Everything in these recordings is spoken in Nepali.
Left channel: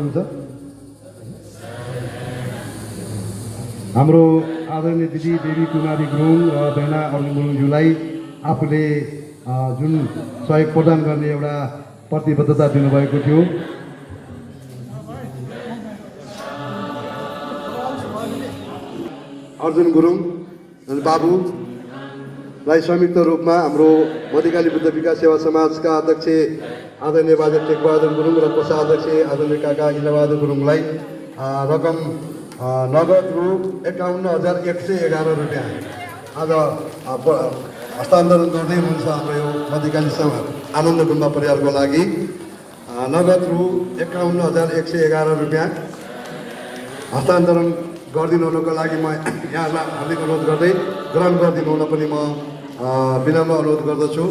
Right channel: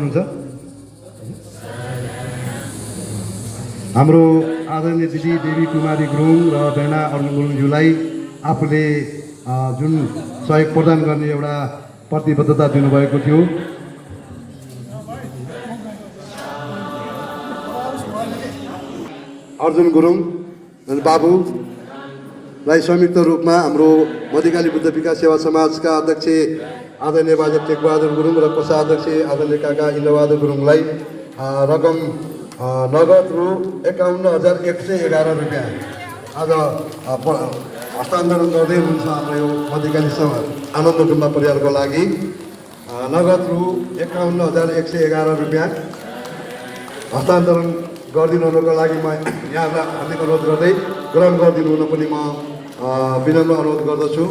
हुन्छ हाम्रो आदरणीय दिदी देवी कुमारी गुरुङ र बेना अर्जुन गुरुङज्यूलाई आफूले जुन सहयोग प्रदान गर्ने एउटा प्रतिबद्धता दिनुभएको थियो अर्जुन गुरुङ बाबुलाई संयुक्त रूपमा हाम्रो मध्यकाली बुद्ध विकास सेवा समाजका अध्यक्ष आदरणीय बाजे टेकबहादुर गुरुङ र कोषाध्यक्ष आदरणीय काका इन्द्रबहादुर गुरुङलाई रकम नगद रु 51,111 रुपियाँ आज हस्तान्तरण गर्दै हुनुहुन्छ हाम्रो यो मध्यकाली समाज आनन्द गुम्बा परिवारको लागि नगद रु 51,111 रुपियाँ हस्तान्तरण गरिदिनु हुनुको लागि म यहाँलाई हार्दिक अनुरोध गर्दै ग्रहण गरिदिनु हुन पनि म विनम्र अनुरोध गर्दछु।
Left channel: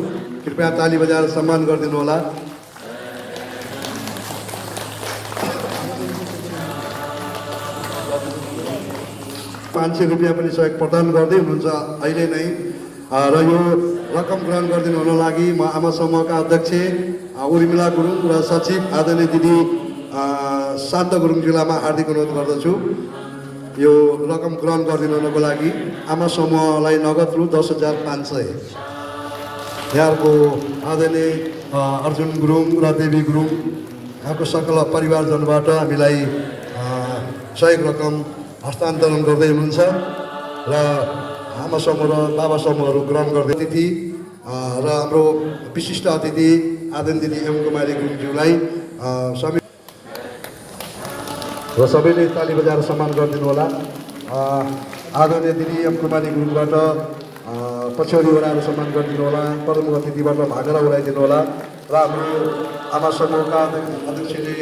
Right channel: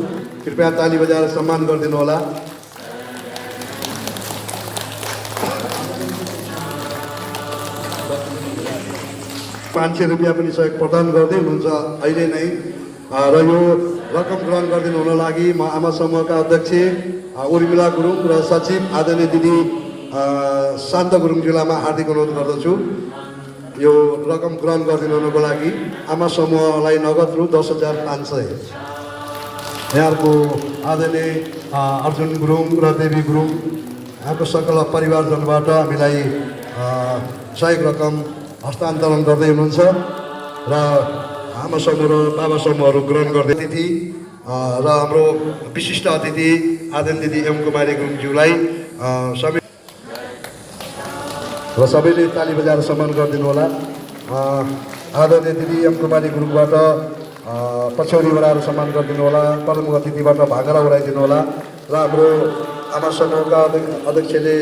कृपया ताली बजाएर सम्मान गरिदिनु होला। ₹500 पनि सहयोग प्रदान गर्दै हुनुहुन्छ अहिले नै र यो रकम ग्रहण गरिदिनु हुन लागि म आमा समूहका अध्यक्ष उर्मिला गुरुङ र सचिव आदरणीय दिदी शान्त गुरुङज्यूलाई म हार्दिक अनुरोध गर्दछु। यो रकम ग्रहण गरिदिनु हुनको लागि आमा समूहलाई नगद रु 10,500 यहाँको आदरणीय अर्जुन गुरुङ र देवी गुरुङ यहाँको सकल परिवारजनबाट हामीलाई सहयोग रकम हस्तान्तरण गर्दै हुनुहुन्छ र आमा समूह र बाबा समूहहरू ग्रहण गर्दै अतिथि र हाम्रो विशिष्ट अतिथि आदरणीय दिदी एम कुमारी गुरुङज्यूलाई र सबैले ताली बजाएर सम्मान गरिदिनु होला। आदरणीय दिदी एम कुमारी गुरुङबाट पछ्यौरी बढाएर सम्मान गरिदिनु होला। प्रमुख अतिथिबाट भागरा उडाइदिनु होला र हाम्रो आमा समूहका अध्यक्षले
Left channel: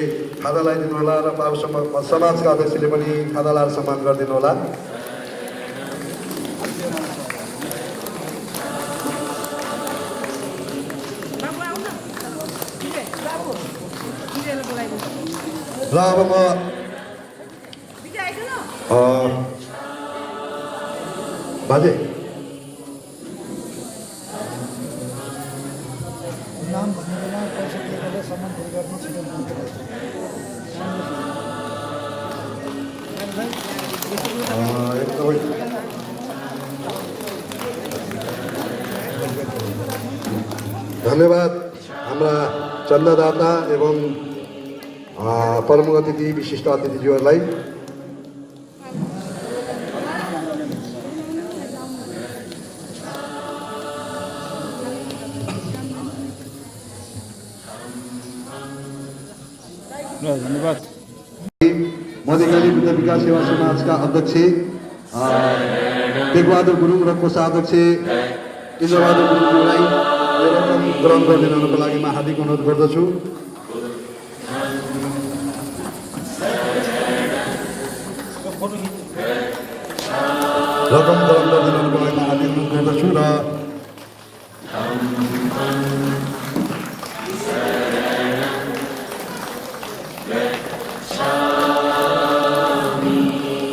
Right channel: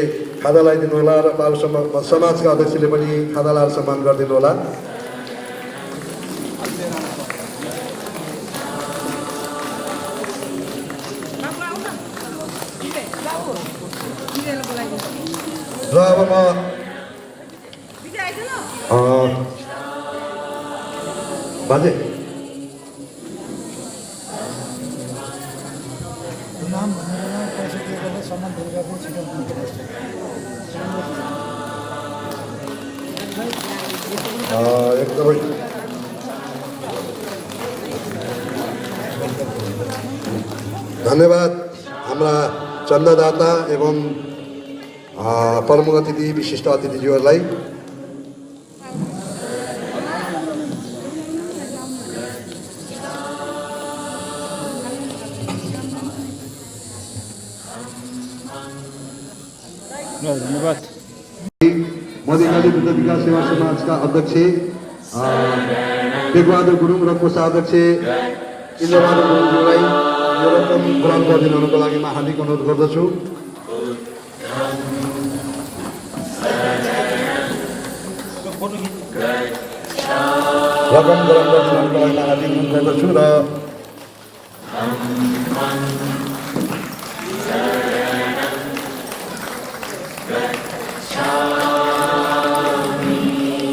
खादा लगाइदिनु होला र बाबु समाजका अध्यक्षले पनि खादा लाएर सम्मान गरिदिनु होला। र अब म बाजे एकदमै धन्यवाद हाम्रा चन्दादाता एवं प्रमुख अतिथि विशिष्ट अतिथिज्यूहरूलाई। धन्यवाद। मध्यकाली बुद्ध विकास सेवा समाजका अध्यक्ष टेकबहादुर गुरुङ र कोषाध्यक्ष इन्द्रबहादुर गुरुङज्यूलाई यो रकम ग्रहण गरिदिनु हुनको लागि म हार्दिक अनुरोध गर्दछु। रकम ग्रहण गरिदिनु हुनको लागि म हार्दिक अनुरोध गर्दछु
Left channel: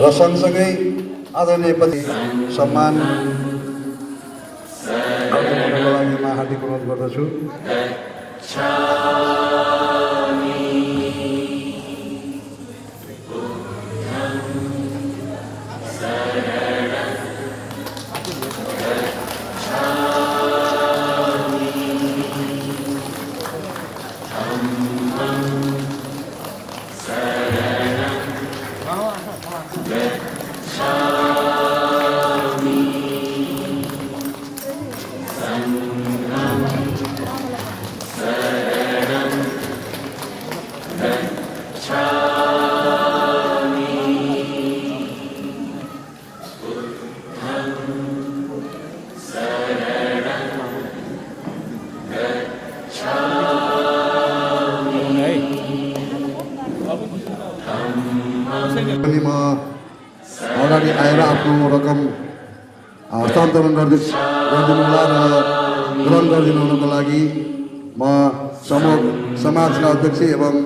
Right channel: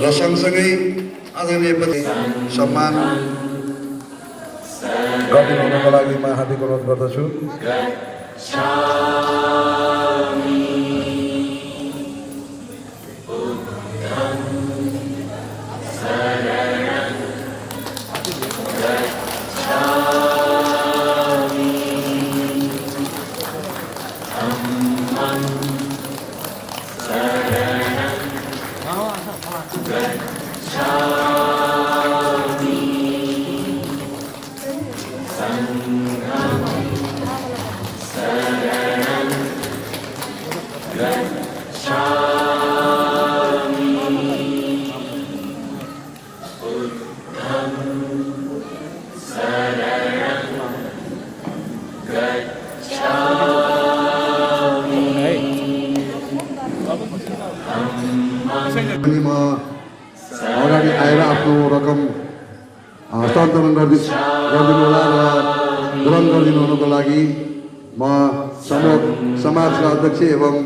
र सँगसँगै आदरणीय पति सम्मान गरिदिनुको लागि म हार्दिक अनुरोध गर्दछु। म अगाडि आएर आफ्नो रकम हस्तान्तरण गरिदिनु होला र ग्रहण गरिदिनु हुनको लागि म समाजका अध्यक्ष एवं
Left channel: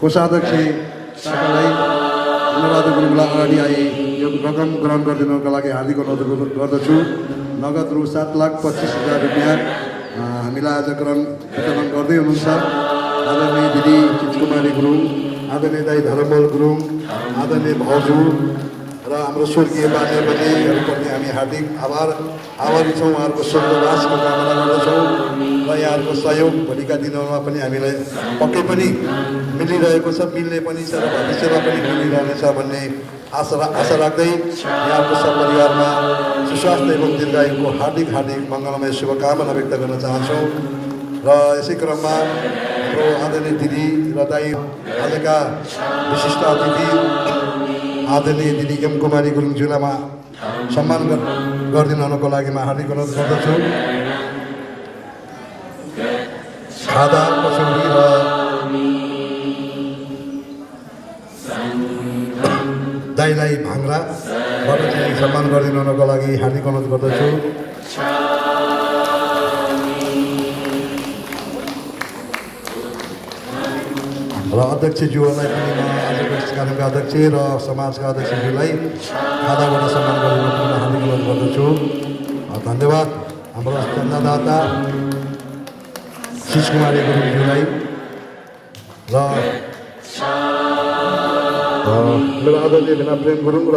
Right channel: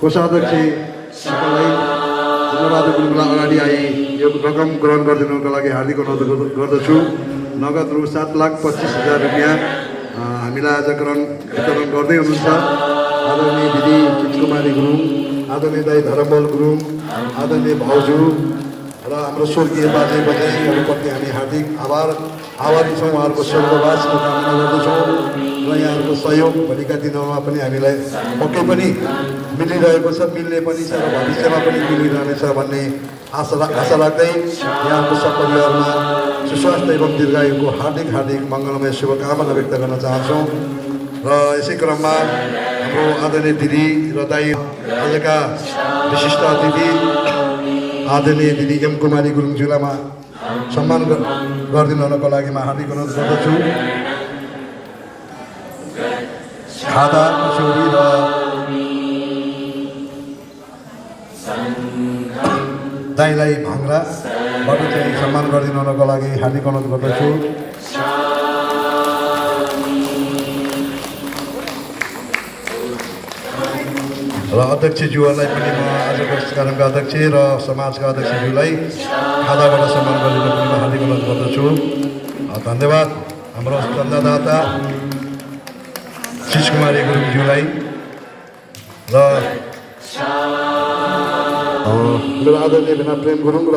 कोषाध्यक्ष सबैलाई इन्द्रबहादुर गुरुङलाई अगाडि आई यो रकम ग्रहण गरिदिनुको लागि हार्दिक अनुरोध गर्दछु। नगद रु 7,25,000 रुपियाँ हामीलाई आज वितरण गर्दै हुनुहुन्छ आदरणीय दिदी चिचकुमारी गुरुङ, आदरणीय दाई धर्मबल गुरुङ, आदरणीय भाउजू र हाम्रो स्वर्गीय बाजेबोजूहरूप्रति हामी हार्दिक आभारी छौँ। उहाँहरूको स्वर्गवासको कामना गर्दछौँ र यहाँहरूको सहयोग भोलिका दिनहरूमा पनि हामीलाई पक्कै पनि मिलिरहेको छ, मिल्ने पनि छ र भविष्यमा पनि मिलिरहनेछ भन्ने आशा राख्दै यहाँको सपरिवारमा सुस्वास्थ्य एवं दीर्घायुको हार्दिक मङ्गलमय शुभकामना व्यक्त गर्न चाहन्छौँ। र यसै क्रममा हाम्रो आदरणीय दिदी र दाई आजका विशिष्ट अतिथि आदरणीय दिदी एम कुमारी गुरुङज्यूलाई सम्मान गरिदिनु हुनको लागि म हार्दिक अनुरोध गर्दछु। खादा पसौडी र दाईलाई भाङ्राबाट चाहिँ सम्मान गरिदिनु हुनको लागि हार्दिक अनुरोध गर्दछु। र अध्यक्षज्यूहरूलाई पनि म आजको कार्यक्रमका अध्यक्ष र समाजका अध्यक्षज्यूलाई खादाबाट सम्मान गरिदिनु पनि म हार्दिक अनुरोध गर्दछु। धन्यवाद हाम्रो चन्दादाता चिचकुमारी गुरुङज्यूलाई र मेरो आदरणीय भेना प्रेम गुरुङ र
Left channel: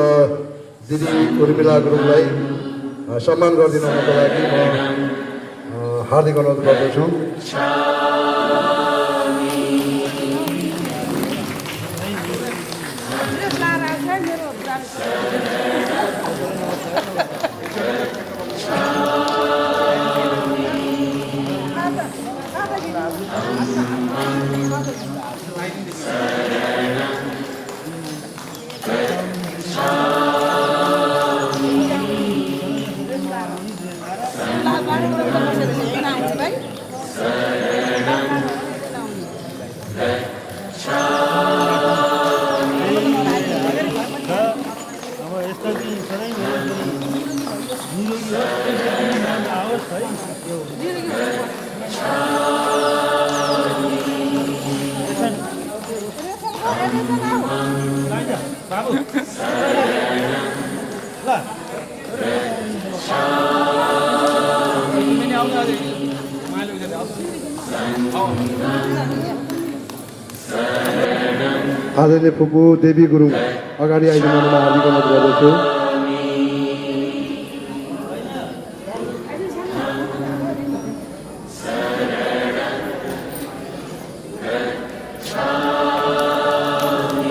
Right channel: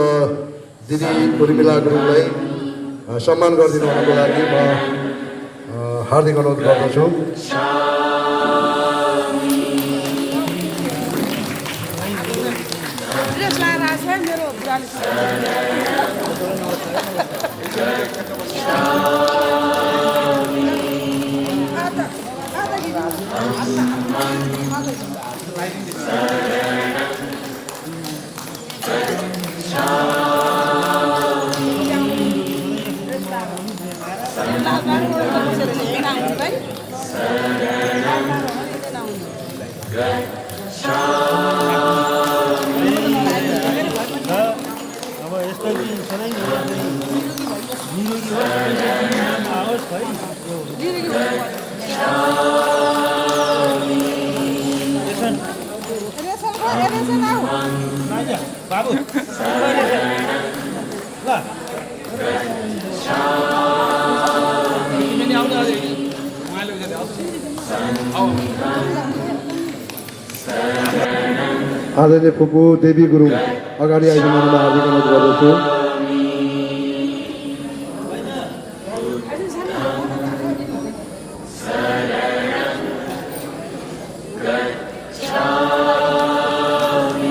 दिदी उर्मिला गुरुङलाई सम्मान गरिदिनु हुनको लागि म हार्दिक अनुरोध गर्दछु। अब यस्तो कि सधैँ निरोगी आओस् है बाबु ल आदरणीय फुपू देवी गुरुङ अगाडि आइदिनुमा हार्दिक अनुरोध गर्दछु।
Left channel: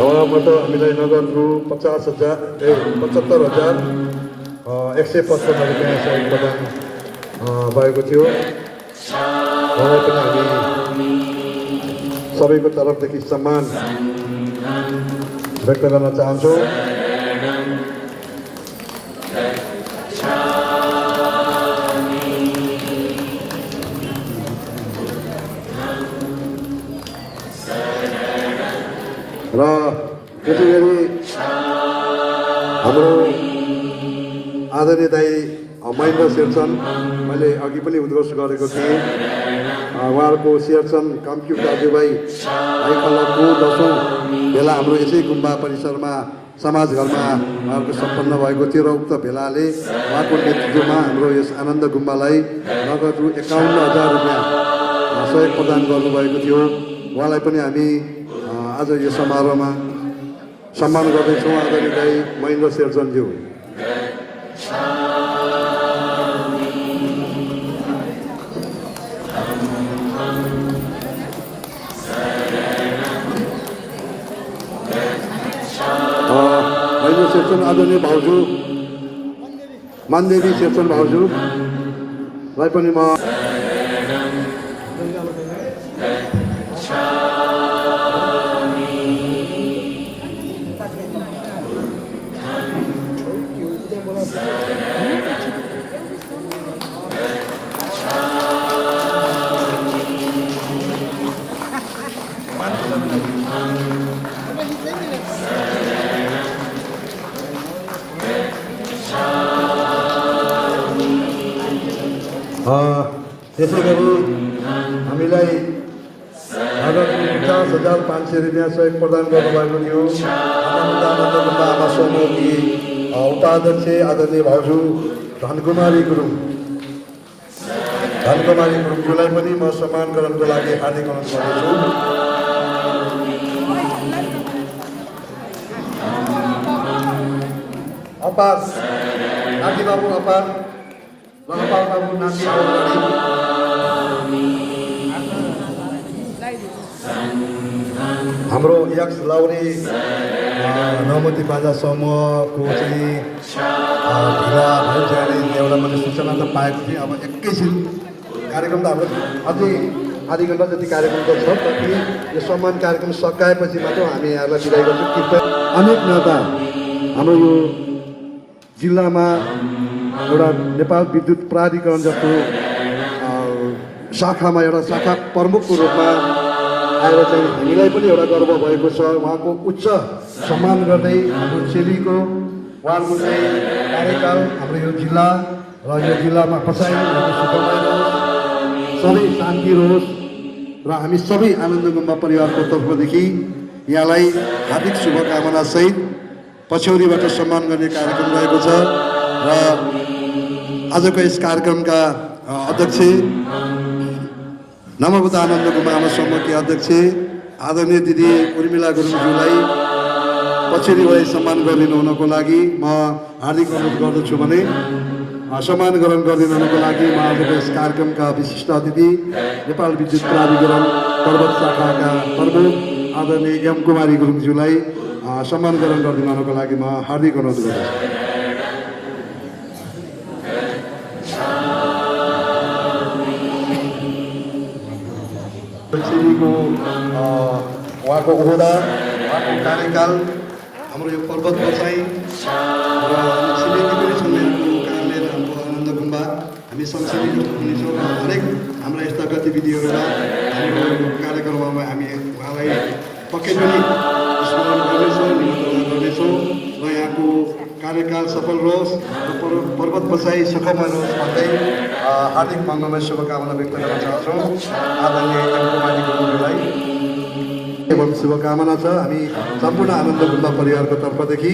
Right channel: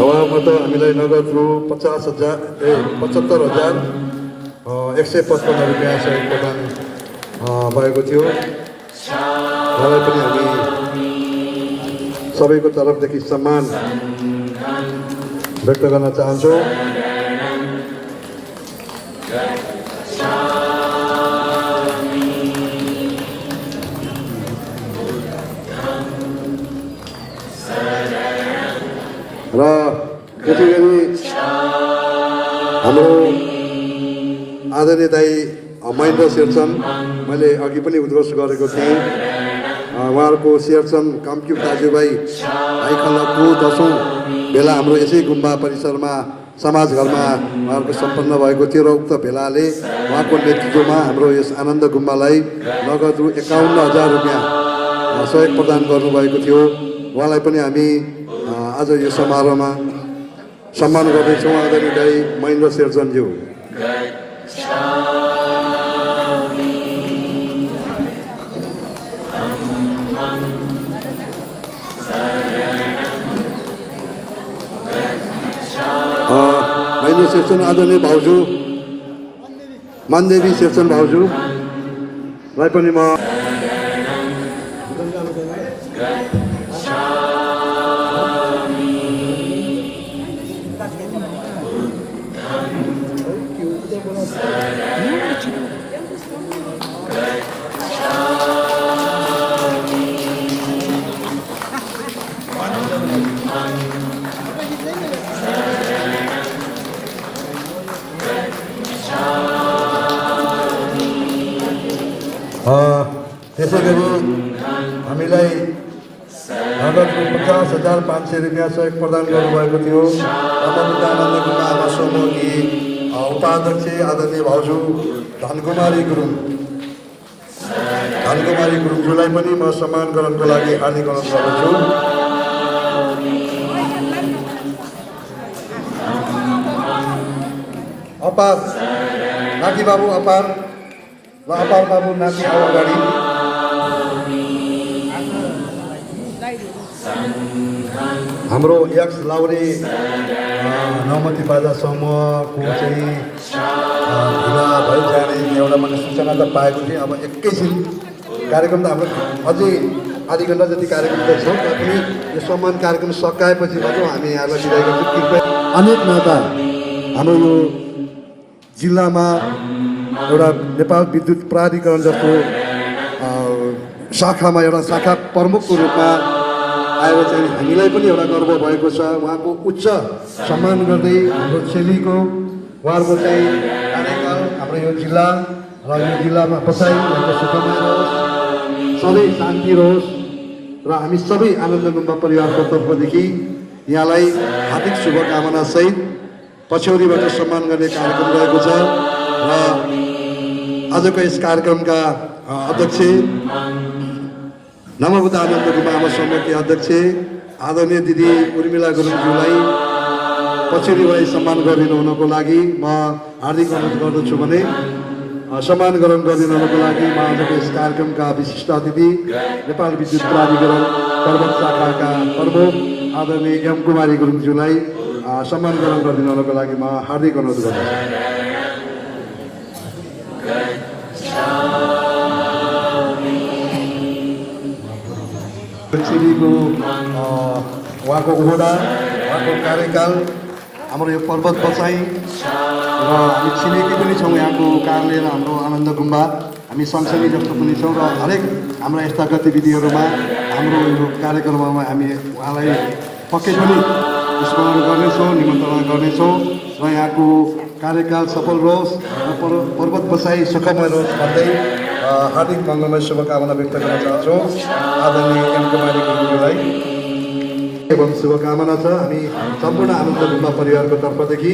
उहाँबाट हामीलाई नगद रु 75,155 रुपियाँ सहयोग प्रदान भएको थियो। उहाँलाई पनि हामी सबैको तर्फदेखि सम्मान व्यक्त गर्न चाहन्छौँ। र त्यसै गरी हाम्रो आदरणीय दाई महेन्द्र शेरचन, मैले अघि पनि उद्घोष गरेको थिएँ, उहाँहरूको शेरचन कामक्युब दाजुभाइ भाइखलाको 10औँ भेला हाम्रो यसै गुम्बा परिसरमा समाजघरमा उहाँहरूको सम्पन्न भएको थियो र उक्त भेलाले उहाँको नेतृत्वमा हाम्रो यस आनन्द गुम्बालाई नगद रु 51,000 रुपियाँ सहयोग प्रदान गर्नुभएको थियो। उहाँलाई पनि हामी आज यो समारोहमा सम्मान गर्दैछौँ। आदरणीय दाई महेन्द्र शेरचनज्यू। महेन्द्र शेरचन आदरणीय भाउजू मनदेवी शेरचन भाउजूलाई पनि म त्यसै गरी हामीलाई नगद 50,500 रुपियाँ सहयोग प्रदान गर्नुभएको थियो। आमा समूहकी उपाध्यक्ष आदरणीय भाउजू धनकुमारी गुरुङ हरिकुमारी गुरुङज्यूलाई पनि म सम्मान गर्नको लागि हार्दिक अनुरोध गर्दछु। अपार नाति बाबु अपार र अपार बाबु नाति आऊ अगाडि। हाम्रो यक्स लाउरे नौमती बाजा समूहको चाहिँ ढिला भइजाने एउटा मैले सूचना त पाएको थिएँ। अब एकैछिन कार्यक्रम त हाम्रो अझै आधी घन्टा जति कार्यक्रम त छ, तैपनि यो सम्मान कार्यक्रम सकाएपछि मात्र हामी यहाँलाई बिदाई गर्छौँ। कृपया अनेक नाता हाम्रो यो जिल्लामा एउटा नेपाल विद्युत प्राधिकरण जस्तो शाखामा एउटा शाखा प्रमुखको रूपमा आएर चाहिँ हामीलाई पनि एउटा गर्व भएको छ। उहाँको उच्च सम्मान गर्दै हाम्रो चेलीको उहाँको चाहिँ कार्यकाल हाम्रो यो जिल्ला र यो जिल्लामा बसाइ सुखमय रहोस्, सधैँ शान्ति रहोस् र हामी सबै आनन्द गुम्बा परिवारको तर्फदेखि यहाँलाई हार्दिक शुभकामनासहित पछ्यौरीबाट सम्मान गर्ने कार्यक्रम रहेको छ। र आजको यस कार्यक्रमका अध्यक्ष नमोबुद्ध आनन्द गुम्बा आमा समूहकी अध्यक्ष आदरणीय दिदी उर्मिला गुरुङज्यूलाई पछ्यौरीबाट सम्मान गरिदिनु हुनको लागि म हार्दिक अनुरोध गर्दछु भने सम्मान ग्रहण गरिदिनु हुनको लागि म आजको यस कार्यक्रमका विशिष्ट अतिथि नेपाल विद्युत प्राधिकरण पर्वत शाखाका प्रमुख आदरणीय एम कुमारी गुरुङज्यूलाई सम्मान ग्रहण गरिदिनु हुनको लागि म हार्दिक अनुरोध गर्दछु। चेलीको उहाँको ओहदा, उहाँको कार्यकाल, हाम्रो यो पर्वत बसाइ र हामी छिमेकी पनि छौँ यहाँको कारणले र हाम्रो आनन्द गुम्बा हामी सँगसँगै जस्तो पनि छौँ र हरेक हाम्रा यस्ता गतिविधिहरूमा हाम्रो यो कार्यक्रममा हामी उहाँलाई पक्कै पनि स्मरण गर्नेछौँ, निमन्त्रणा गर्नेछौँ र यहाँको कार्यकाल सफल रहोस् र पर्वत बसाइ सुखमय रहोस् भन्दै हार्दिक मङ्गलमय शुभकामना व्यक्त गर्न चाहन्छौँ आदरणीय एम कुमारी गुरुङज्यूलाई एवं शुभकामना छ हामी सम्पूर्ण आनन्द गुम्बा परिवारको तर्फदेखि।